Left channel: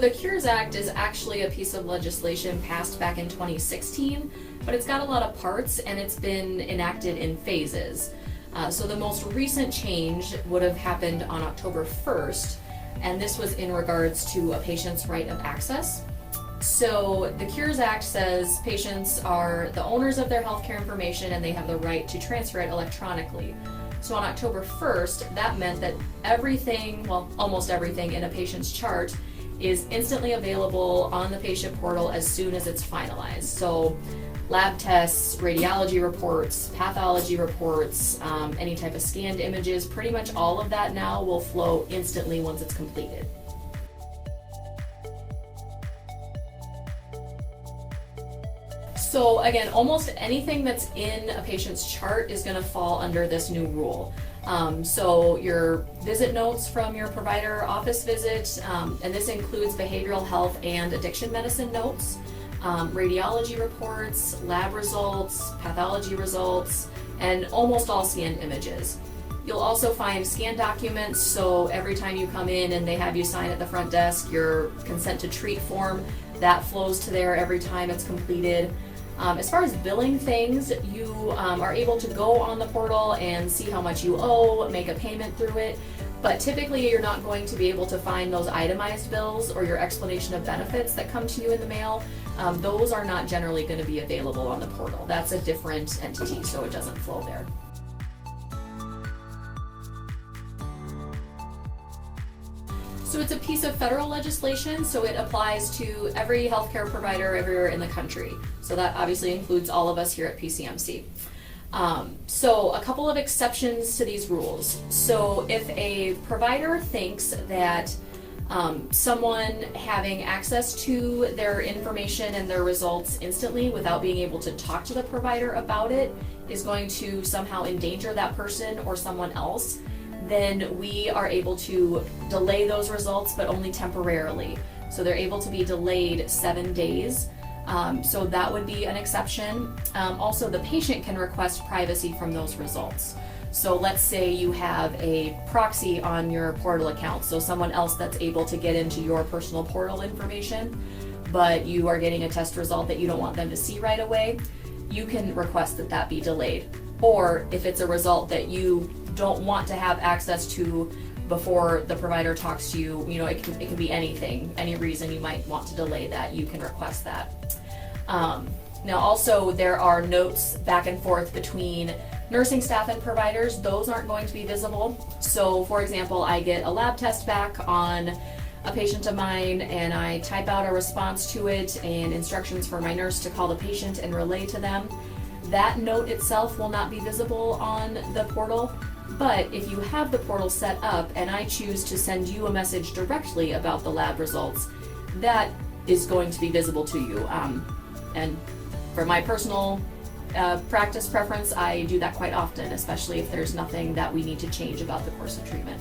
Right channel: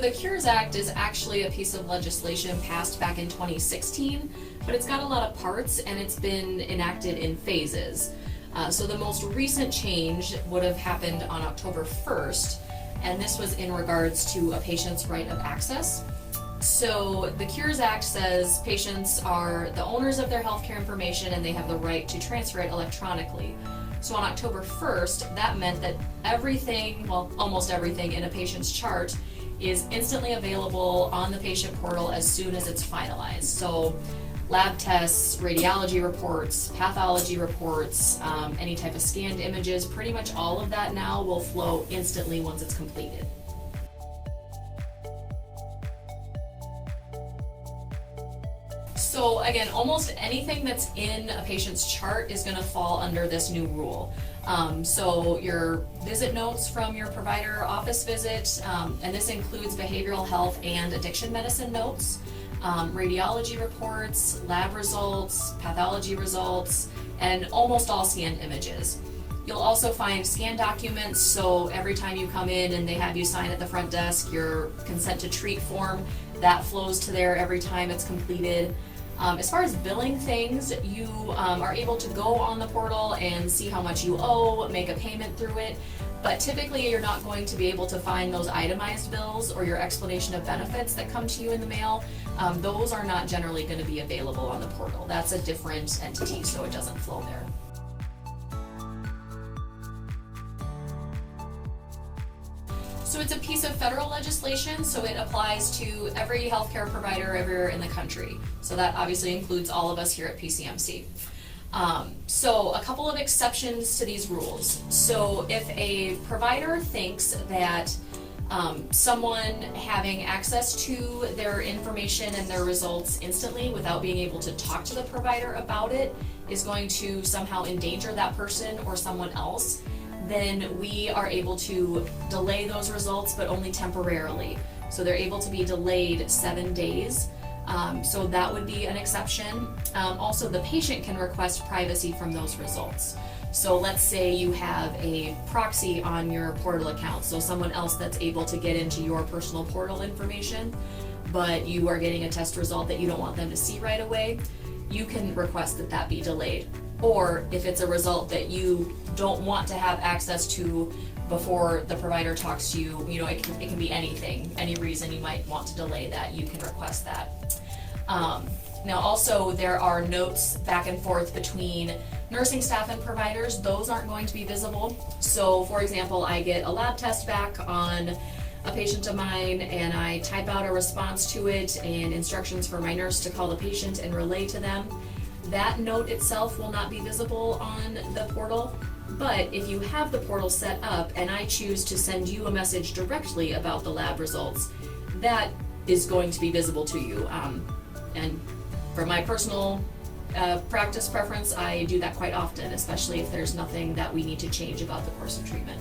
The Cures Act is actually a piece of legislation passed back in 2016, but it's got a lot of parts and it's been enacted in phases. So the most recent change would have happened on October 1st, and this was in regards to a patient's right of access. So the Cures Act says patients are the owners of their healthcare information and they have the right to transfer it electronically. So on October 1st, that meant that everything, well, almost everything in a patient's chart is instantly available on the patient portal as soon as it's finalized. So lab tests, radiology reports, pathology reports, any type of scanned images, pretty much all of that now will flow instantly once it's completed. So again, almost anything that's in a patient's chart is going to fall under this new rule. So your visit notes from your provider office visit, and this includes behavioral health and addiction medicine notes, radiology reports, lab results, pathology results, and almost all scanned images. You'll also find scanned documents, so every time you come in and they have you sign at the front desk your consent to treat form, that flows to there every time it's completed. As far as billing things, you are able to go on the portal and see how much you owe, make a payment through it, but typically you're not going to be able to find those itemized bills or your explanation of benefits that come to you in the mail. Those are not generally going to be available on the portal. That's a different entity, so it doesn't flow there. So it's a piece of federal legislation, so it applies to every healthcare provider everywhere in the country. So that obviously includes all of us here at PCMC. So a couple of exceptions to these rules. So if a provider thinks that someone having access to their information and their results instantly without being able to talk to the provider about it is going to somehow endanger that person or someone else, then we are able to delay those results, but only temporarily. So they're able to be delayed 7 days. So that would be an exception. Also, the patient can request privacy from those results. So let's say you have a proxy on your portal account, so someone else that's able to get into your personal portal information, but you are getting a test result that you don't want them to see right away, you can request that that be delayed. Or if it's a result that you don't want to have access to before the provider talks to you, it can be anything, any reason you might want to delay that, you can request that. Now also there are notes back and forth between nursing staff and providers. Those aren't going to be visible. So for example, I get a lab test back on a patient of mine and I type out a response to it and instructions for my nurse to call the patient and relay to them. That note itself will not be visible on the portal, but if you have the portal set up and I choose to send you a message directly about the lab results, that is going to be visible to you. And for my personal practice preference, I do that quite often, especially if there's nothing that we need to change about the course of treatment.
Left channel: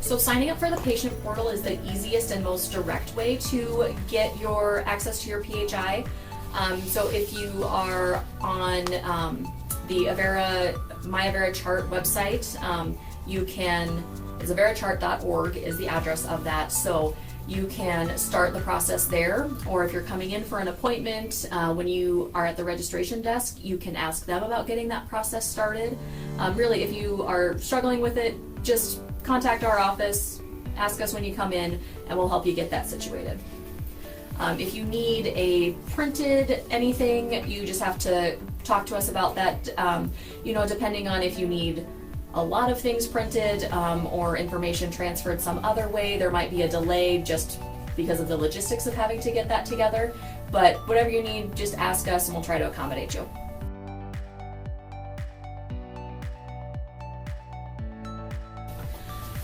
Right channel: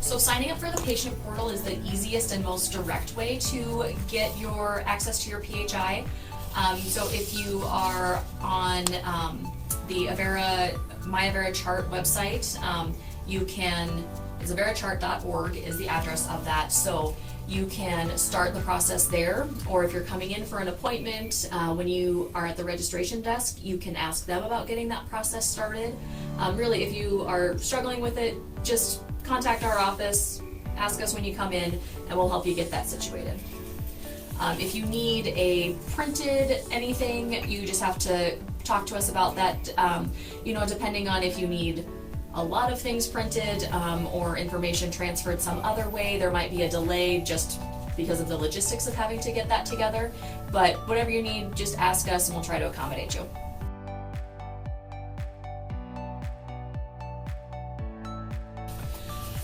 So signing up for the patient portal is the easiest and most direct way to get your access to your PHI. So if you are on the My Avera Chart website, you can, averachart.org is the address of that. So you can start the process there, or if you're coming in for an appointment, when you are at the registration desk, you can ask them about getting that process started. Really, if you are struggling with it, just contact our office, ask us when you come in, and we'll help you get that situated. If you need a printed anything, you just have to talk to us about that. Depending on if you need a lot of things printed or information transferred some other way, there might be a delay just because of the logistics of having to get that together. But whatever you need, just ask us and we'll try to accommodate you.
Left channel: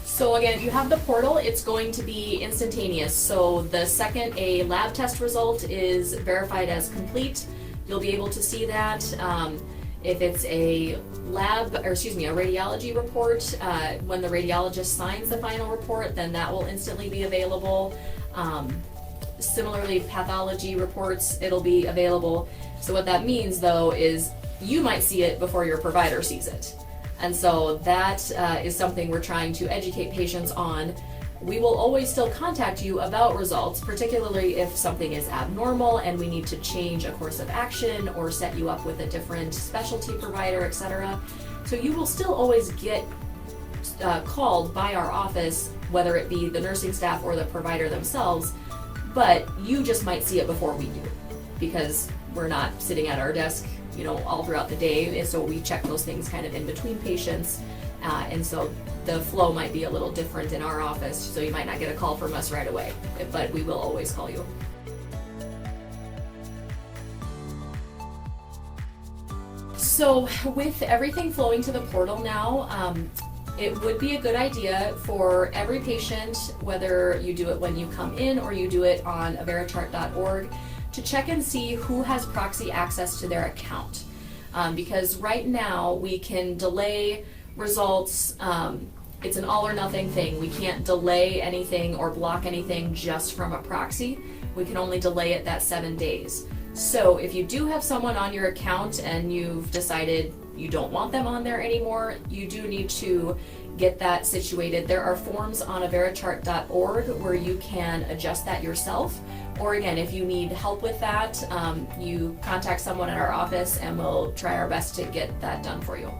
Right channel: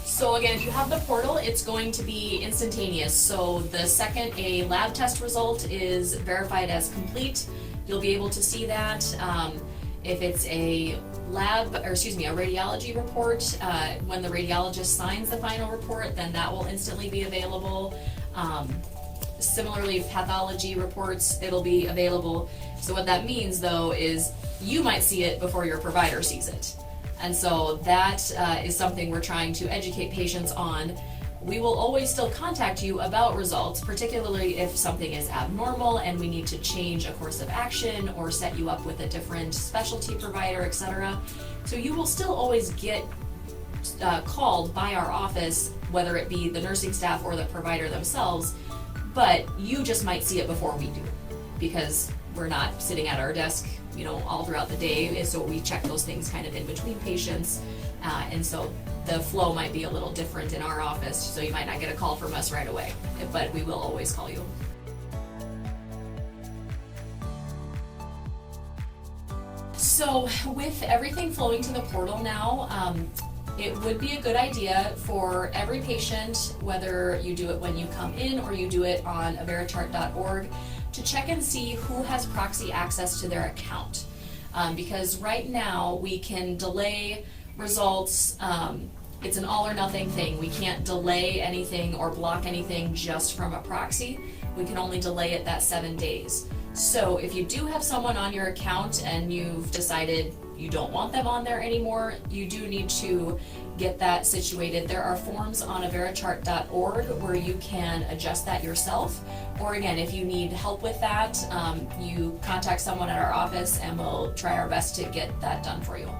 So again, if you have the portal, it's going to be instantaneous. So the second a lab test result is verified as complete, you'll be able to see that. If it's a radiology report, when the radiologist signs the final report, then that will instantly be available. Similarly, pathology reports, it'll be available. So what that means though is you might see it before your provider sees it. And so that is something we're trying to educate patients on. We will always still contact you about results, particularly if something is abnormal and we need to change a course of action or set you up with a different specialty provider, etc. So you will still always get called by our office, whether it be the nursing staff or the provider themselves, but you just might see it before we do, because we're not sitting at our desk, all throughout the day, so we check those things kind of in between patients, and so the flow might be a little different in our office, so you might not get a call from us right away, but we will always call you. So with everything flowing to the portal now, it would be a good idea for every patient, whether you do it when you come in or you do it on averichart.org, to check and see who has proxy access to their account. Because right now we can delay results. It's an all or nothing thing. We can't delay anything or block anything just from a proxy. We can only delay it that 7 days. So if you do have someone on your account and you've decided you don't want them on there anymore, you do need to get that situated. There are forms on averichart.org where you can adjust that yourself. Or again, if you need help with that, you contact someone at our office and we'll try our best to get that done for you.